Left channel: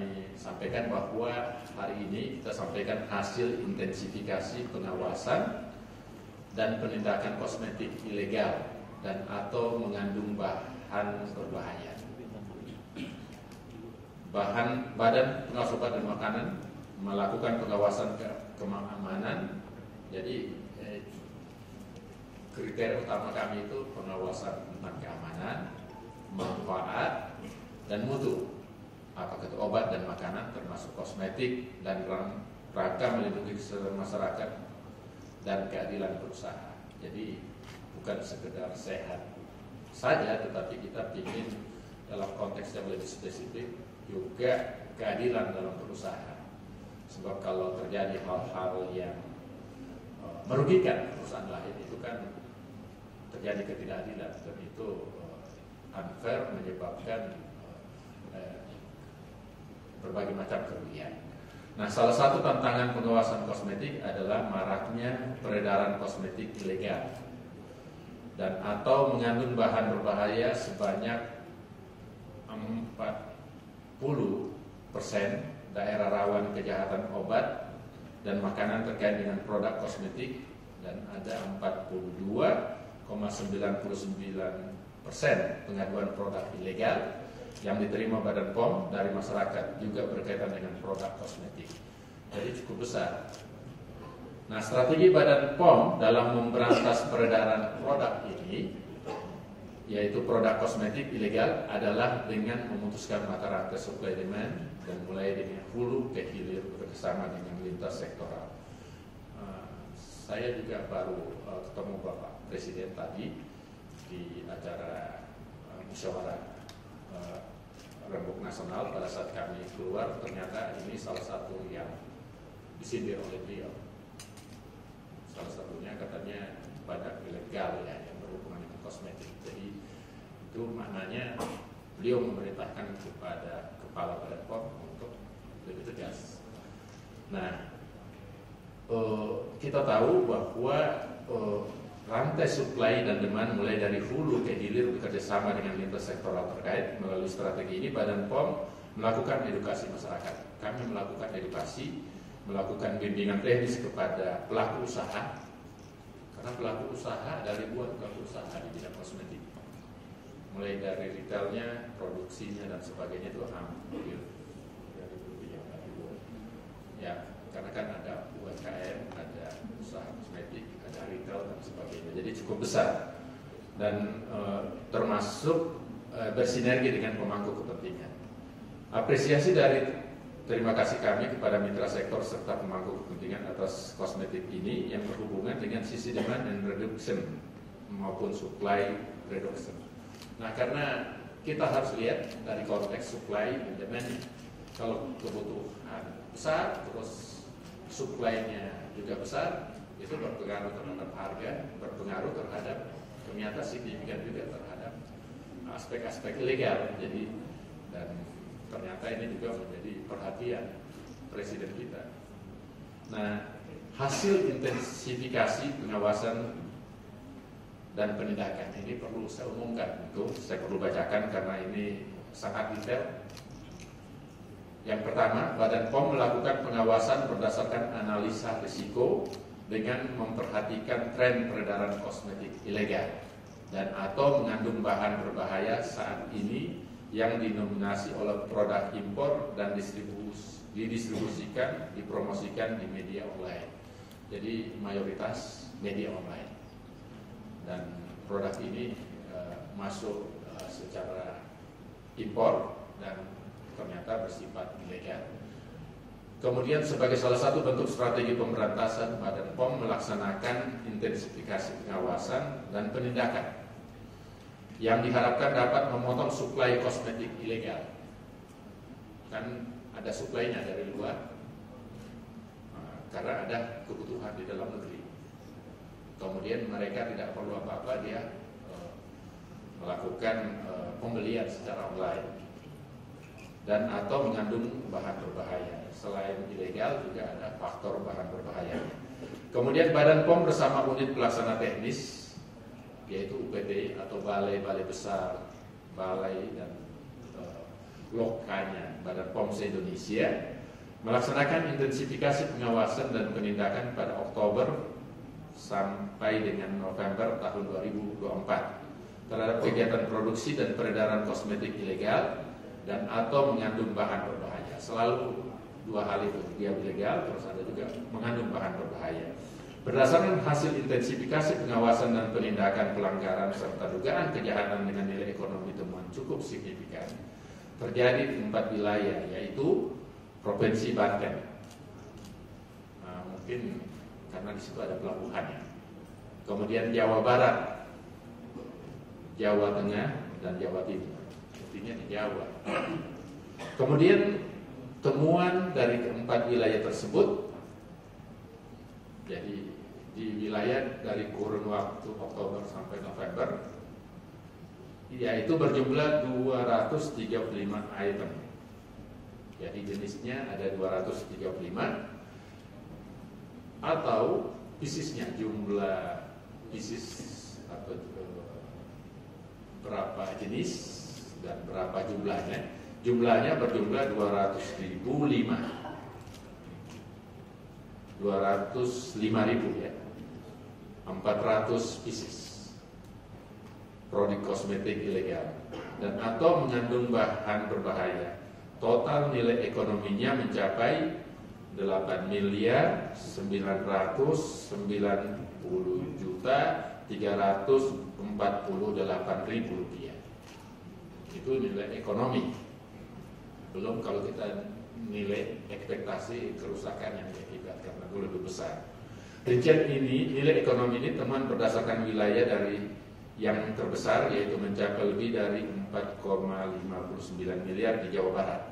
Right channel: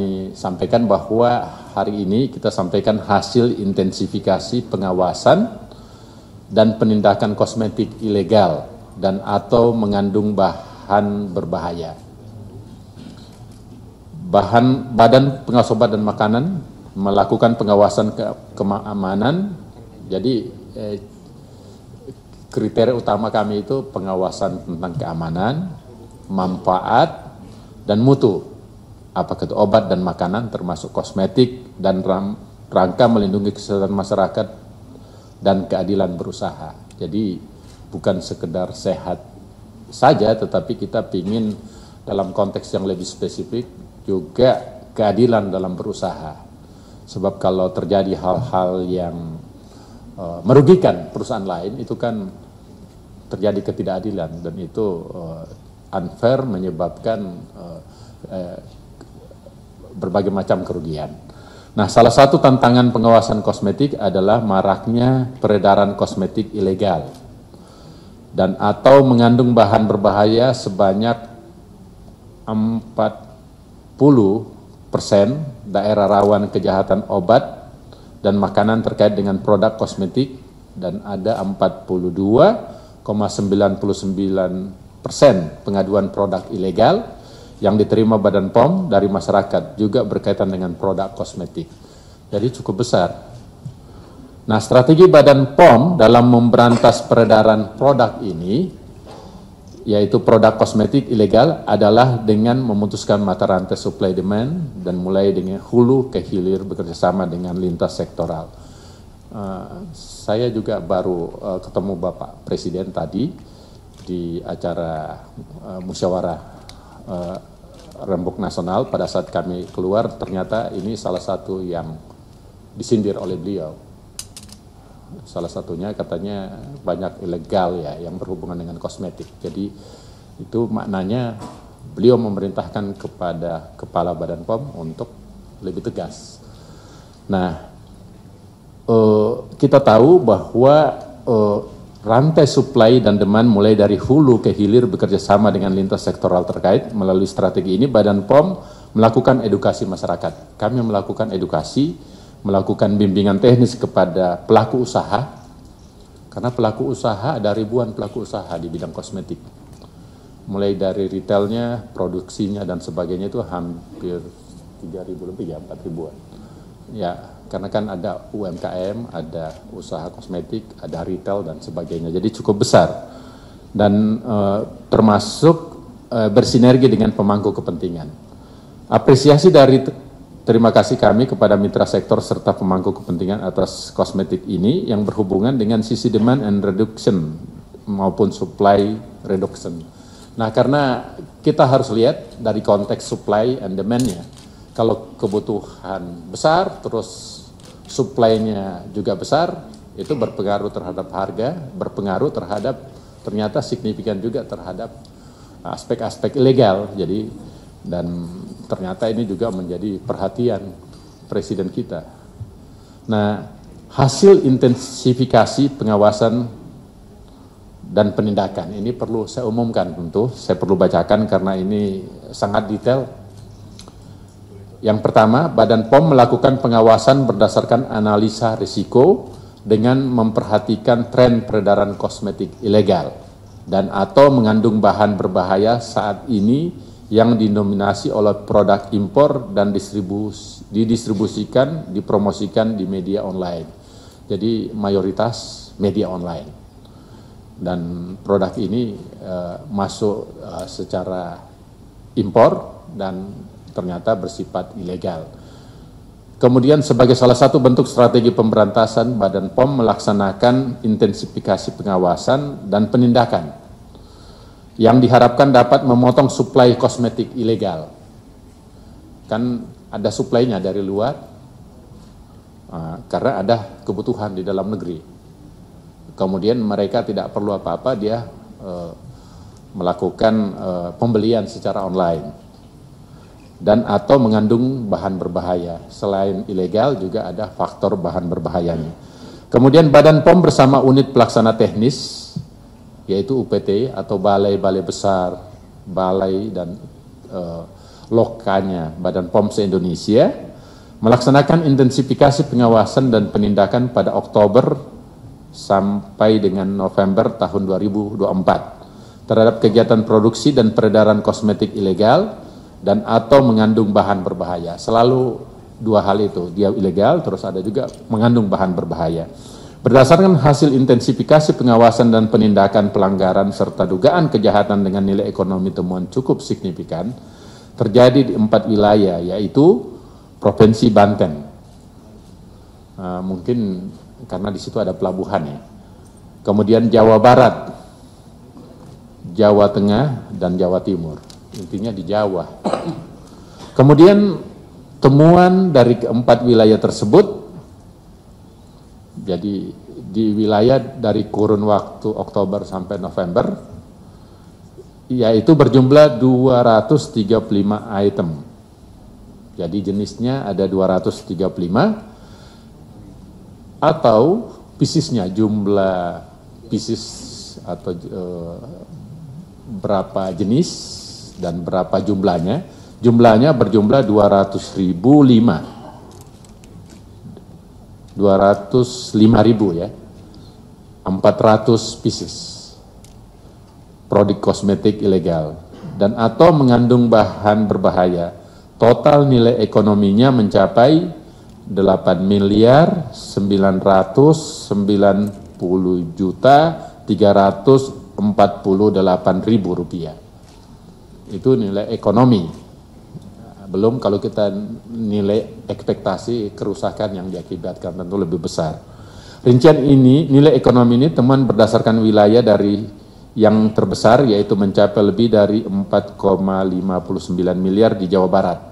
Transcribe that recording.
kami sampaikan bahwa hari ini kita sampaikan hasil intensifikasi pengawasan dan penindakan kosmetik ilegal dan atau mengandung bahan berbahaya. Badan Pengawas Obat dan Makanan melakukan pengawasan keamanan. Jadi kriteria utama kami itu pengawasan tentang keamanan, manfaat, dan mutu, apakah itu obat dan makanan termasuk kosmetik, dan rangka melindungi kesehatan masyarakat dan keadilan berusaha. Jadi bukan sekedar sehat saja, tetapi kita ingin dalam konteks yang lebih spesifik juga keadilan dalam berusaha. Sebab kalau terjadi hal-hal yang merugikan perusahaan lain, itu kan terjadi ketidakadilan, dan itu unfair, menyebabkan berbagai macam kerugian. Nah, salah satu tantangan pengawasan kosmetik adalah maraknya peredaran kosmetik ilegal dan atau mengandung bahan berbahaya sebanyak 40% daerah rawan kejahatan obat dan makanan terkait dengan produk kosmetik, dan ada 42,99% pengaduan produk ilegal yang diterima Badan POM dari masyarakat juga berkaitan dengan produk kosmetik. Jadi cukup besar. Nah, strategi Badan POM dalam memberantas peredaran produk ini, yaitu produk kosmetik ilegal, adalah dengan memutuskan mata rantai supply demand dan mulai dengan hulu ke hilir bekerjasama dengan lintas sektoral. Saya juga baru ketemu Bapak Presiden tadi di acara musyawarah Rembuk Nasional. Pada saat kami keluar, ternyata ini salah satu yang disindir oleh beliau. Salah satunya katanya banyak ilegal ya yang berhubungan dengan kosmetik. Jadi itu maknanya beliau memerintahkan kepada Kepala Badan POM untuk lebih tegas. Nah, kita tahu bahwa rantai supply dan demand mulai dari hulu ke hilir bekerja sama dengan lintas sektoral terkait. Melalui strategi ini Badan POM melakukan edukasi masyarakat. Kami melakukan edukasi, melakukan bimbingan teknis kepada pelaku usaha, karena pelaku usaha ada ribuan pelaku usaha di bidang kosmetik. Mulai dari retailnya, produksinya, dan sebagainya itu hampir 3.000 lebih ya, 4.000-an. Ya, karena kan ada UMKM, ada usaha kosmetik, ada retail, dan sebagainya. Jadi cukup besar. Dan termasuk bersinergi dengan pemangku kepentingan. Apresiasi dari terima kasih kami kepada mitra sektor serta pemangku kepentingan atas kosmetik ini yang berhubungan dengan sisi demand and reduction maupun supply reduction. Nah, karena kita harus lihat dari konteks supply and demand-nya. Kalau kebutuhan besar, terus supply-nya juga besar, itu berpengaruh terhadap harga, berpengaruh terhadap ternyata signifikan juga terhadap aspek-aspek ilegal. Jadi, dan ternyata ini juga menjadi perhatian Presiden kita. Nah, hasil intensifikasi pengawasan dan penindakan ini perlu saya umumkan, tentu saya perlu bacakan karena ini sangat detail. Yang pertama, Badan POM melakukan pengawasan berdasarkan analisa risiko dengan memperhatikan tren peredaran kosmetik ilegal dan atau mengandung bahan berbahaya saat ini yang dinominasi oleh produk impor dan didistribusikan, dipromosikan di media online. Jadi mayoritas media online. Dan produk ini masuk secara impor dan ternyata bersifat ilegal. Kemudian sebagai salah satu bentuk strategi pemberantasan, Badan POM melaksanakan intensifikasi pengawasan dan penindakan yang diharapkan dapat memotong suplai kosmetik ilegal. Kan ada suplainya dari luar, karena ada kebutuhan di dalam negeri. Kemudian mereka tidak perlu apa-apa, dia melakukan pembelian secara online. Dan atau mengandung bahan berbahaya. Selain ilegal juga ada faktor bahan berbahayanya. Kemudian Badan POM bersama unit pelaksana teknis, yaitu UPT atau balai-balai besar, balai dan Lokanya Badan POM se-Indonesia melaksanakan intensifikasi pengawasan dan penindakan pada Oktober sampai dengan November tahun 2024 terhadap kegiatan produksi dan peredaran kosmetik ilegal dan atau mengandung bahan berbahaya. Selalu dua hal itu, dia ilegal terus ada juga mengandung bahan berbahaya. Berdasarkan hasil intensifikasi pengawasan dan penindakan pelanggaran serta dugaan kejahatan dengan nilai ekonomi temuan cukup signifikan terjadi di 4 wilayah, yaitu Provinsi Banten. Mungkin karena di situ ada pelabuhan ya. Kemudian Jawa Barat, Jawa Tengah, dan Jawa Timur. Intinya di Jawa. Kemudian temuan dari keempat wilayah tersebut, jadi di wilayah dari kurun waktu Oktober sampai November, yaitu berjumlah 235 item. Jadi jenisnya ada 235 atau piecesnya, jumlah pieces atau berapa jenis dan berapa jumlahnya. Jumlahnya berjumlah 205.000 ya, 400 pieces produk kosmetik ilegal dan atau mengandung bahan berbahaya. Total nilai ekonominya mencapai 8.990.348.000 rupiah. Itu nilai ekonomi. Belum kalau kita nilai ekspektasi kerusakan yang diakibatkan tentu lebih besar. Rincian ini, nilai ekonomi ini teman berdasarkan wilayah dari yang terbesar yaitu mencapai lebih dari 4,59 miliar di Jawa Barat.